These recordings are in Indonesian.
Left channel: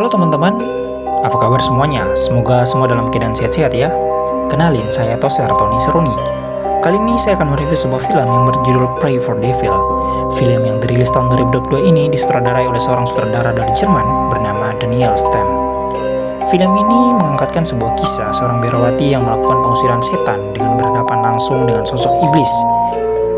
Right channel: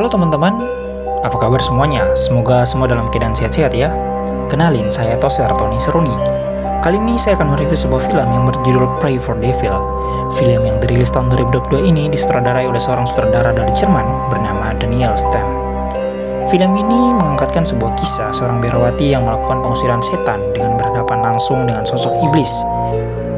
Halo teman-teman, apa kabar semuanya? Semoga semua dalam keadaan sehat-sehat ya. Kenalin, saya Toser Tony Seruni. Kali ini saya akan mereview sebuah film yang berjudul Pray for Devil. Film yang dirilis tahun 2022 ini disutradarai oleh seorang sutradara dari Jerman bernama Daniel Stem. Film ini mengangkatkan sebuah kisah seorang biarawati yang melakukan pengusiran setan dengan berhadapan langsung dengan sosok iblis,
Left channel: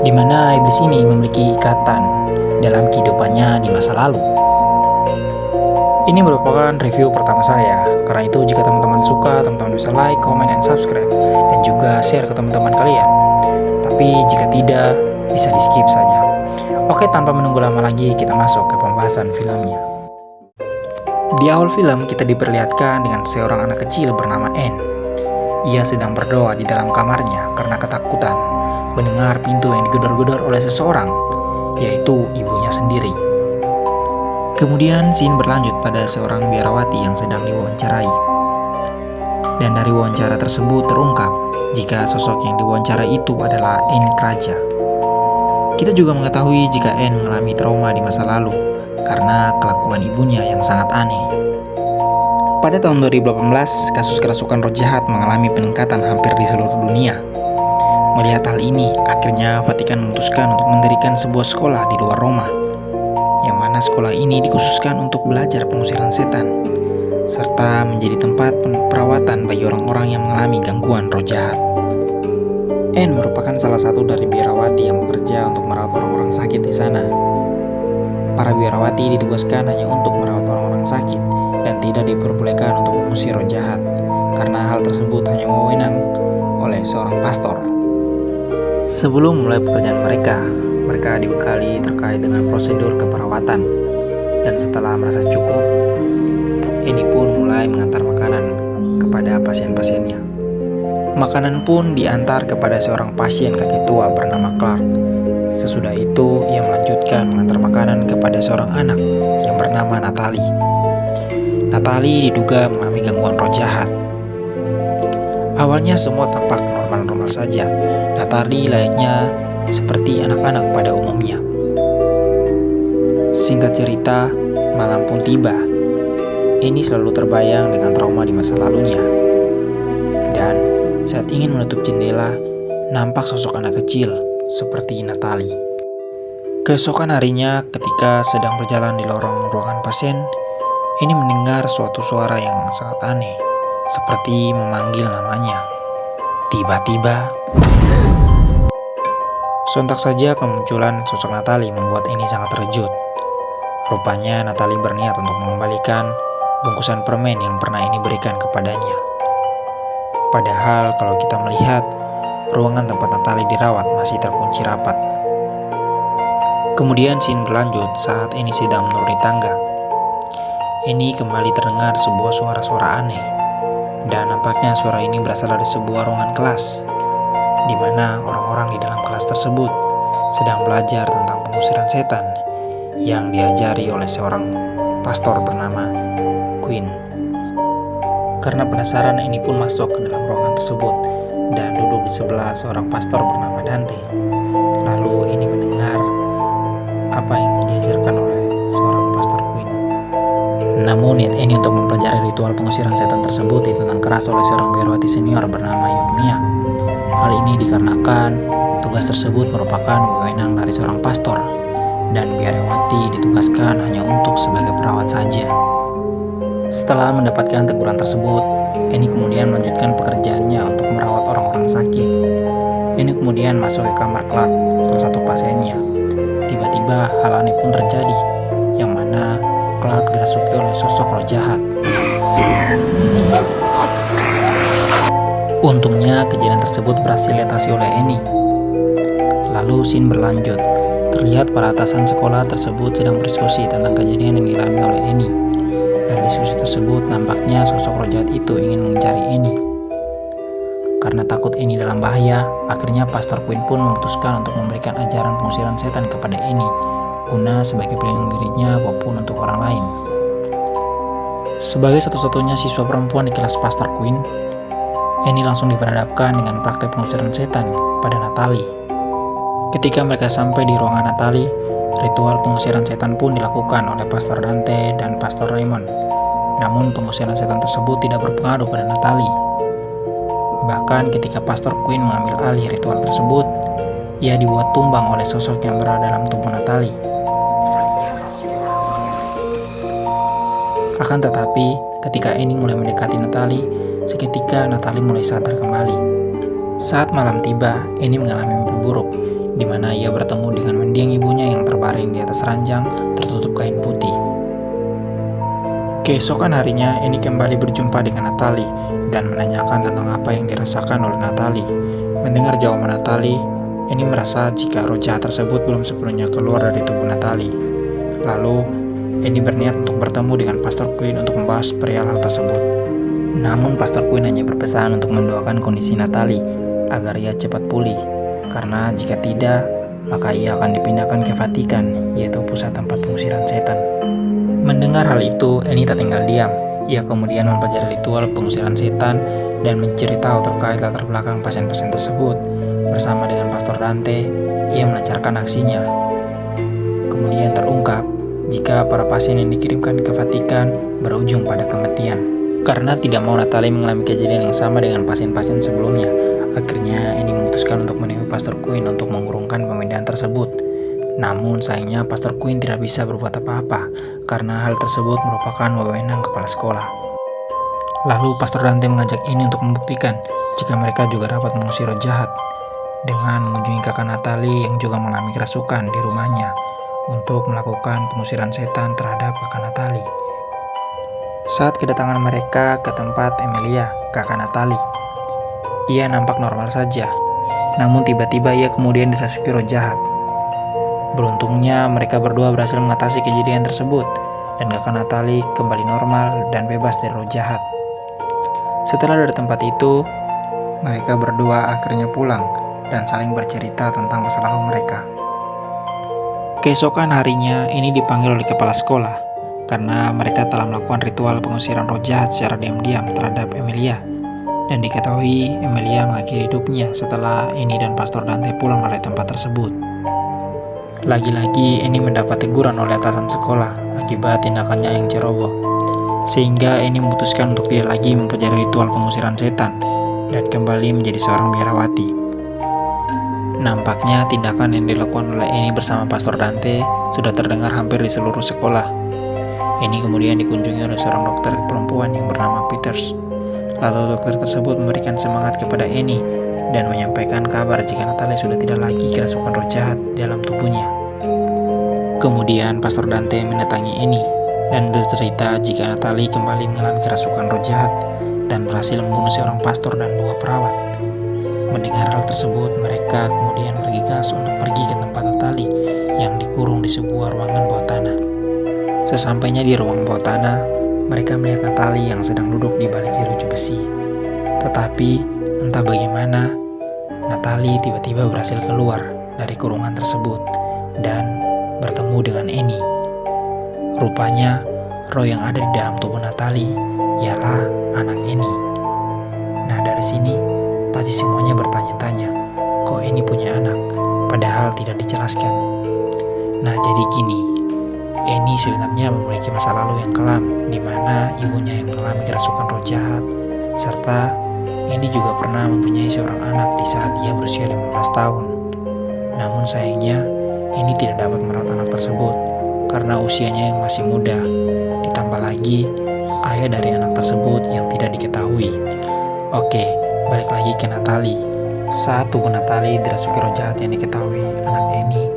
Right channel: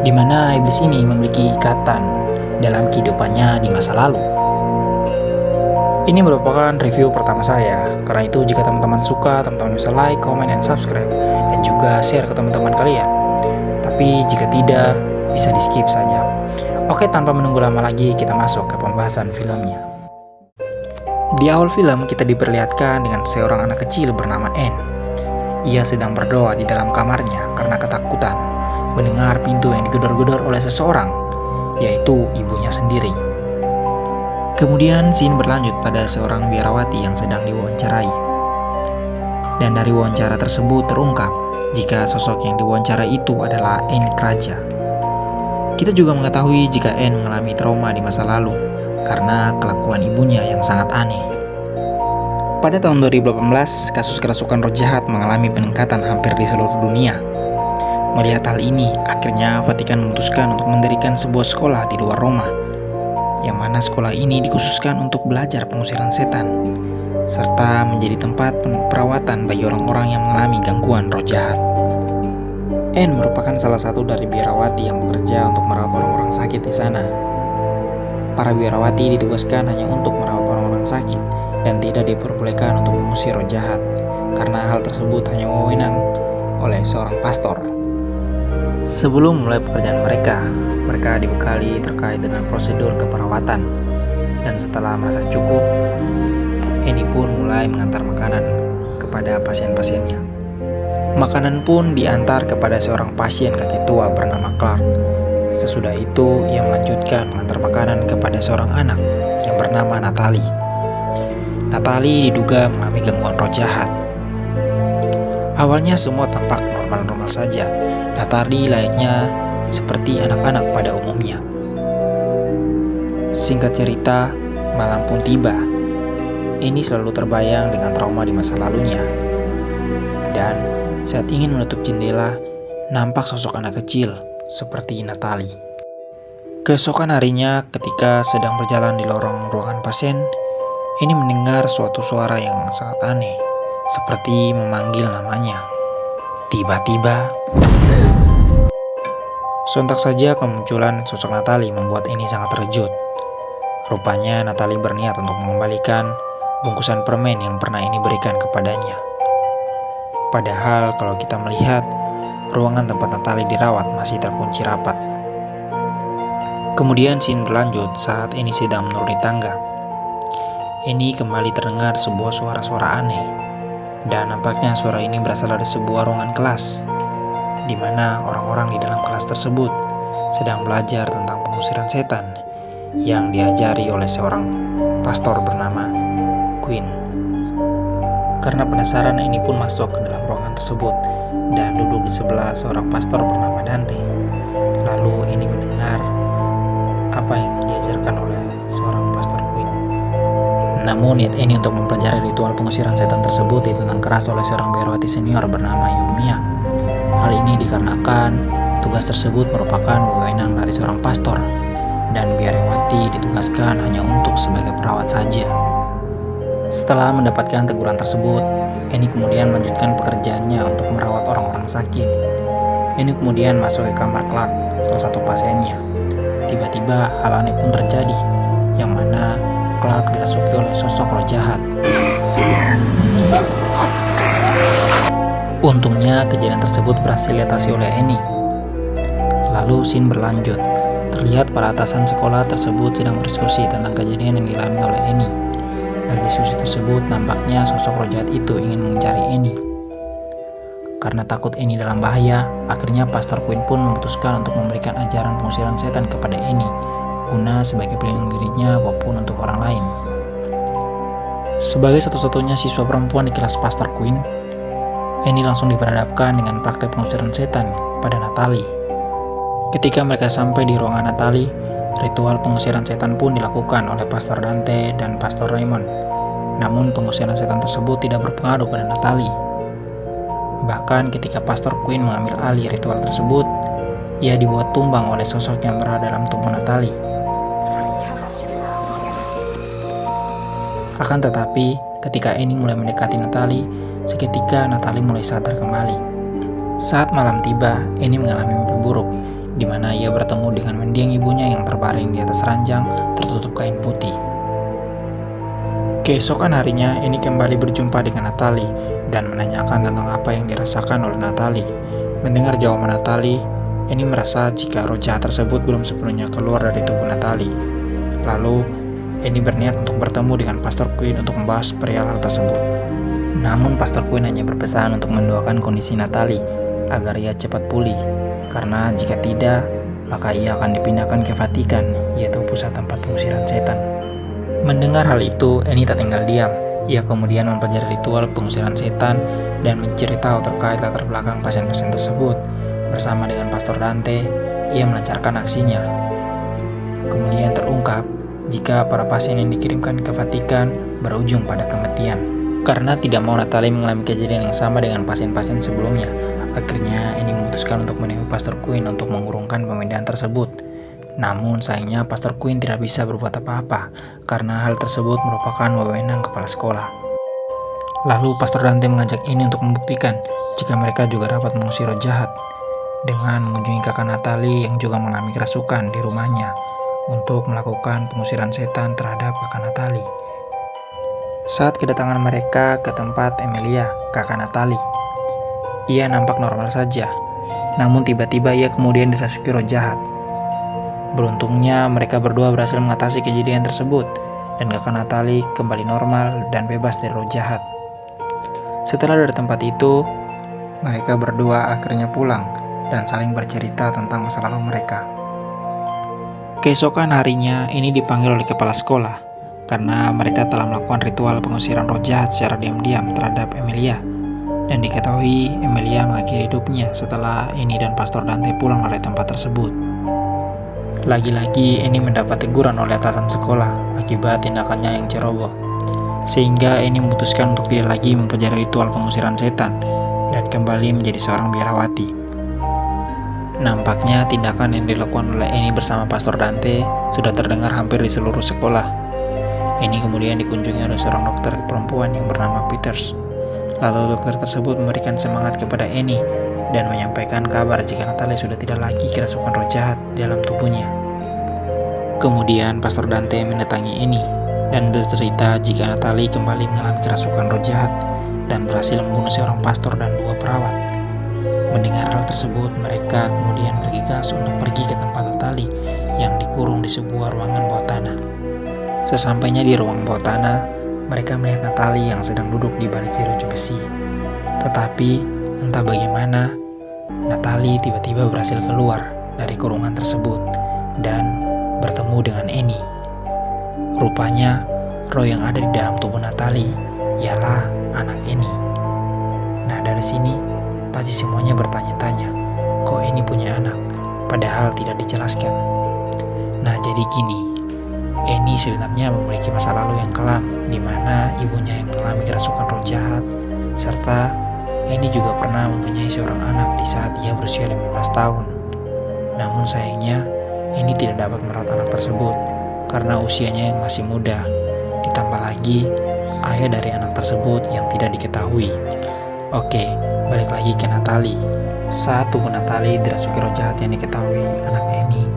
di mana iblis ini memiliki ikatan dalam kehidupannya di masa lalu. Ini merupakan review pertama saya, karena itu jika teman-teman suka, teman-teman bisa like, comment, and subscribe, dan juga share ke teman-teman kalian. Tapi jika tidak, bisa di skip saja. Oke, tanpa menunggu lama lagi, kita masuk ke pembahasan filmnya. Di awal film, kita diperlihatkan dengan seorang anak kecil bernama Anne. Ia sedang berdoa di dalam kamarnya karena ketakutan mendengar pintu yang digedor-gedor oleh seseorang, yaitu ibunya sendiri. Kemudian scene berlanjut pada seorang biarawati yang sedang diwawancarai. Dan dari wawancara tersebut terungkap jika sosok yang diwawancara itu adalah Anne Kraja. Kita juga mengetahui jika Anne mengalami trauma di masa lalu karena kelakuan ibunya yang sangat aneh. Pada tahun 2018, kasus kerasukan roh jahat mengalami peningkatan hampir di seluruh dunia. Melihat hal ini, akhirnya Vatikan memutuskan untuk mendirikan sebuah sekolah di luar Roma, yang mana sekolah ini dikhususkan untuk belajar pengusiran setan, serta menjadi tempat perawatan bagi orang-orang yang mengalami gangguan roh jahat. Anne merupakan salah satu dari biarawati yang bekerja untuk merawat orang-orang sakit di sana. Para biarawati ditugaskan hanya untuk merawat orang-orang sakit dan tidak diperbolehkan untuk mengusir roh jahat, karena hal tersebut hanya wewenang oleh seorang pastor. Sebelum mulai pekerjaan mereka dibekali terkait dengan prosedur keperawatan, dan setelah merasa cukup, Annie pun mulai mengantar makanan kepada pasien-pasiennya. Makanan pun diantar kepada seorang pasien kakek tua bernama Clark. Sesudah itu, ia melanjutkan mengantar makanan kepada seorang anak yang bernama Natalie. Natalie diduga mengalami gangguan roh jahat. Awalnya semua tampak normal-normal saja. Natalie layaknya seperti anak-anak pada umumnya. Singkat cerita, malam pun tiba. Annie selalu terbayang dengan trauma di masa lalunya. Dan saat ingin menutup jendela, nampak sosok anak kecil seperti Natalie. Keesokan harinya, ketika sedang berjalan di lorong ruangan pasien, Annie mendengar suatu suara yang sangat aneh, seperti memanggil namanya. Tiba-tiba, sontak saja kemunculan sosok Natalie membuat Annie sangat terkejut. Rupanya Natalie berniat untuk mengembalikan bungkusan permen yang pernah Annie berikan kepadanya. Padahal kalau kita melihat, ruangan tempat Natalie dirawat masih terkunci rapat. Kemudian scene berlanjut saat Annie sedang menuruni tangga. Annie kembali terdengar sebuah suara-suara aneh, dan nampaknya suara ini berasal dari sebuah ruangan kelas, di mana orang-orang di dalam kelas tersebut sedang belajar tentang pengusiran setan yang diajari oleh seorang pastor bernama Quinn. Karena penasaran, Annie pun masuk ke dalam ruangan tersebut dan duduk di sebelah seorang pastor bernama Dante. Lalu Annie mendengar apa yang diajarkan oleh seorang pastor Quinn. Namun niat Annie untuk mempelajari ritual pengusiran setan tersebut ditentang keras oleh seorang biarawati senior bernama Yumia. Hal ini dikarenakan tugas tersebut merupakan wewenang dari seorang pastor, dan biarawati ditugaskan hanya untuk sebagai perawat saja. Setelah mendapatkan teguran tersebut, Annie kemudian melanjutkan pekerjaannya untuk merawat orang-orang sakit. Annie kemudian masuk ke kamar Clark, salah satu pasiennya. Tiba-tiba hal aneh pun terjadi, yang mana Clark dirasuki oleh sosok roh jahat. Untungnya kejadian tersebut berhasil diatasi oleh Annie. Lalu scene berlanjut. Terlihat para atasan sekolah tersebut sedang berdiskusi tentang kejadian yang dialami oleh Annie. Dari diskusi tersebut, nampaknya sosok roh jahat itu ingin mencari Annie. Karena takut Annie dalam bahaya, akhirnya Pastor Quinn pun memutuskan untuk memberikan ajaran pengusiran setan kepada Annie, guna sebagai pelindung dirinya maupun untuk orang lain. Sebagai satu-satunya siswa perempuan di kelas Pastor Quinn, Annie langsung diperhadapkan dengan praktek pengusiran setan pada Natalie. Ketika mereka sampai di ruangan Natalie, ritual pengusiran setan pun dilakukan oleh Pastor Dante dan Pastor Raymond. Namun pengusiran setan tersebut tidak berpengaruh pada Natalie. Bahkan ketika Pastor Quinn mengambil alih ritual tersebut, ia dibuat tumbang oleh sosok yang berada dalam tubuh Natalie. Akan tetapi, ketika Annie mulai mendekati Natalie, seketika Natalie mulai sadar kembali. Saat malam tiba, Annie mengalami mimpi buruk, di mana ia bertemu dengan mendiang ibunya yang terbaring di atas ranjang tertutup kain putih. Keesokan harinya, Annie kembali berjumpa dengan Natalie dan menanyakan tentang apa yang dirasakan oleh Natalie. Mendengar jawaban Natalie, Annie merasa jika roh jahat tersebut belum sepenuhnya keluar dari tubuh Natalie. Lalu, Annie berniat untuk bertemu dengan Pastor Quinn untuk membahas perihal hal tersebut. Namun Pastor Quinn hanya berpesan untuk mendoakan kondisi Natalie agar ia cepat pulih, karena jika tidak, maka ia akan dipindahkan ke Vatikan, yaitu pusat tempat pengusiran setan. Mendengar hal itu, Annie tak tinggal diam. Ia kemudian mempelajari ritual pengusiran setan dan mencari tahu terkait latar belakang pasien-pasien tersebut. Bersama dengan Pastor Dante, ia melancarkan aksinya. Kemudian terungkap jika para pasien yang dikirimkan ke Vatikan berujung pada kematian. Karena tidak mau Natalie mengalami kejadian yang sama dengan pasien-pasien sebelumnya, akhirnya Annie memutuskan untuk menemui Pastor Quinn untuk mengurungkan pemindahan tersebut. Namun sayangnya Pastor Quinn tidak bisa berbuat apa-apa karena hal tersebut merupakan wewenang kepala sekolah. Lalu Pastor Dante mengajak Annie untuk membuktikan jika mereka juga dapat mengusir roh jahat dengan mengunjungi kakak Natalie yang juga mengalami kerasukan di rumahnya untuk melakukan pengusiran setan terhadap kakak Natalie. Saat kedatangan mereka ke tempat Emilia, kakak Natalie, ia nampak normal saja. Namun tiba-tiba ia kemudian dirasuki roh jahat. Beruntungnya mereka berdua berhasil mengatasi kejadian tersebut dan kakak Natalie kembali normal dan bebas dari roh jahat. Setelah dari tempat itu, mereka berdua akhirnya pulang dan saling bercerita tentang masa lalu mereka. Keesokan harinya, ini dipanggil oleh kepala sekolah karena mereka telah melakukan ritual pengusiran roh jahat secara diam-diam terhadap Emilia. Dan diketahui Emilia mengakhiri hidupnya setelah Annie dan Pastor Dante pulang dari tempat tersebut. Lagi-lagi Annie mendapat teguran oleh atasan sekolah akibat tindakannya yang ceroboh, sehingga Annie memutuskan untuk tidak lagi mempelajari ritual pengusiran setan dan kembali menjadi seorang biarawati. Nampaknya tindakan yang dilakukan oleh Annie bersama Pastor Dante sudah terdengar hampir di seluruh sekolah. Annie kemudian dikunjungi oleh seorang dokter perempuan yang bernama Peters. Lalu dokter tersebut memberikan semangat kepada Annie dan menyampaikan kabar jika Natalie sudah tidak lagi kerasukan roh jahat di dalam tubuhnya. Kemudian Pastor Dante mendatangi Annie dan bercerita jika Natalie kembali mengalami kerasukan roh jahat dan berhasil membunuh seorang pastor dan 2 perawat. Mendengar hal tersebut, mereka kemudian bergegas untuk pergi ke tempat Natalie yang dikurung di sebuah ruangan bawah tanah. Sesampainya di ruang bawah tanah, mereka melihat Natalie yang sedang duduk di balik jeruji besi. Tetapi entah bagaimana, Natalie tiba-tiba berhasil keluar dari kurungan tersebut dan bertemu dengan Annie. Rupanya, roh yang ada di dalam tubuh Natalie ialah anak Annie. Nah, dari sini pasti semuanya bertanya-tanya, kok Annie punya anak, padahal tidak dijelaskan. Nah, jadi gini, Annie sebenarnya memiliki masa lalu yang kelam, di mana ibunya yang mengalami kerasukan roh jahat, serta Annie juga pernah mempunyai seorang anak di saat ia berusia 15 tahun. Namun sayangnya, Annie tidak dapat merawat anak tersebut karena usianya yang masih muda. Ditambah lagi, ayah dari anak tersebut yang tidak diketahui. Oke, balik lagi ke Natalie. Saat tubuh Natalie dirasuki roh jahat yang diketahui anak Annie,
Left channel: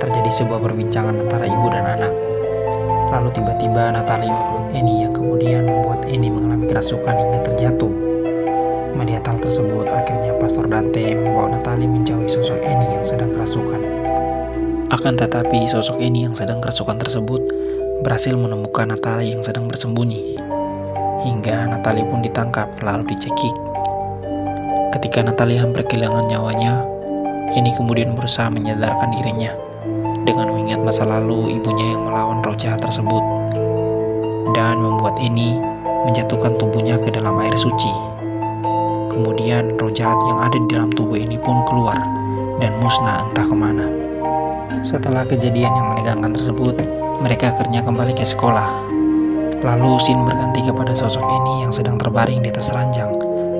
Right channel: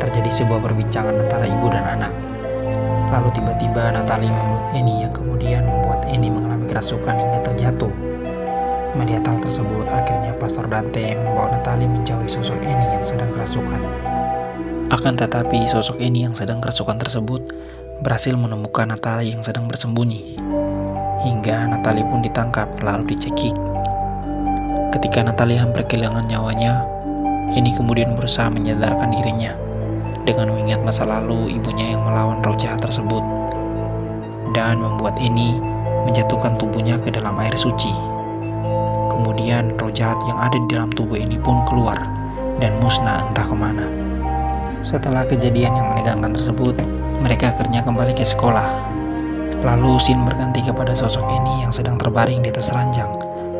terjadi sebuah perbincangan antara ibu dan anak. Lalu tiba-tiba Natalie memeluk Annie yang kemudian membuat Annie mengalami kerasukan hingga terjatuh. Melihat hal tersebut, akhirnya Pastor Dante membawa Natalie menjauhi sosok Annie yang sedang kerasukan. Akan tetapi, sosok Annie yang sedang kerasukan tersebut berhasil menemukan Natalie yang sedang bersembunyi. Hingga Natalie pun ditangkap lalu dicekik. Ketika Natalie hampir kehilangan nyawanya, Annie kemudian berusaha menyadarkan dirinya dengan mengingat masa lalu ibunya yang melawan roh jahat tersebut dan membuat Annie menjatuhkan tubuhnya ke dalam air suci. Kemudian roh jahat yang ada di dalam tubuh ini pun keluar dan musnah entah kemana. Setelah kejadian yang menegangkan tersebut, mereka akhirnya kembali ke sekolah. Lalu scene berganti kepada sosok Annie yang sedang terbaring di atas ranjang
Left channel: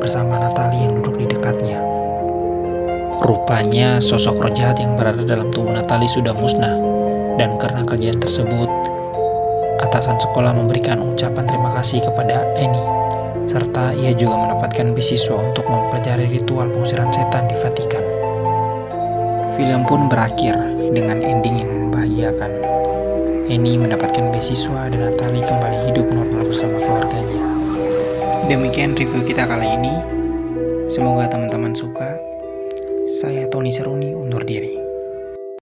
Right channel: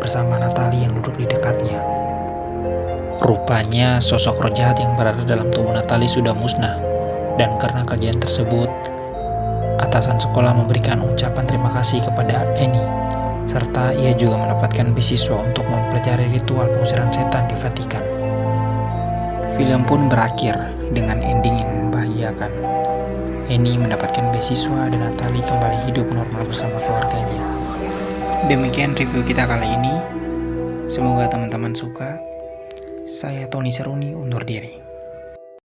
bersama Natalie yang duduk di dekatnya. Rupanya sosok roh jahat yang berada dalam tubuh Natalie sudah musnah, dan karena kejadian tersebut, atasan sekolah memberikan ucapan terima kasih kepada Annie, serta ia juga mendapatkan beasiswa untuk mempelajari ritual pengusiran setan di Vatikan. Film pun berakhir dengan ending yang membahagiakan. Annie mendapatkan beasiswa dan Natalie kembali hidup normal bersama keluarganya. Demikian review kita kali ini. Semoga teman-teman suka. Saya Tony Seruni undur diri.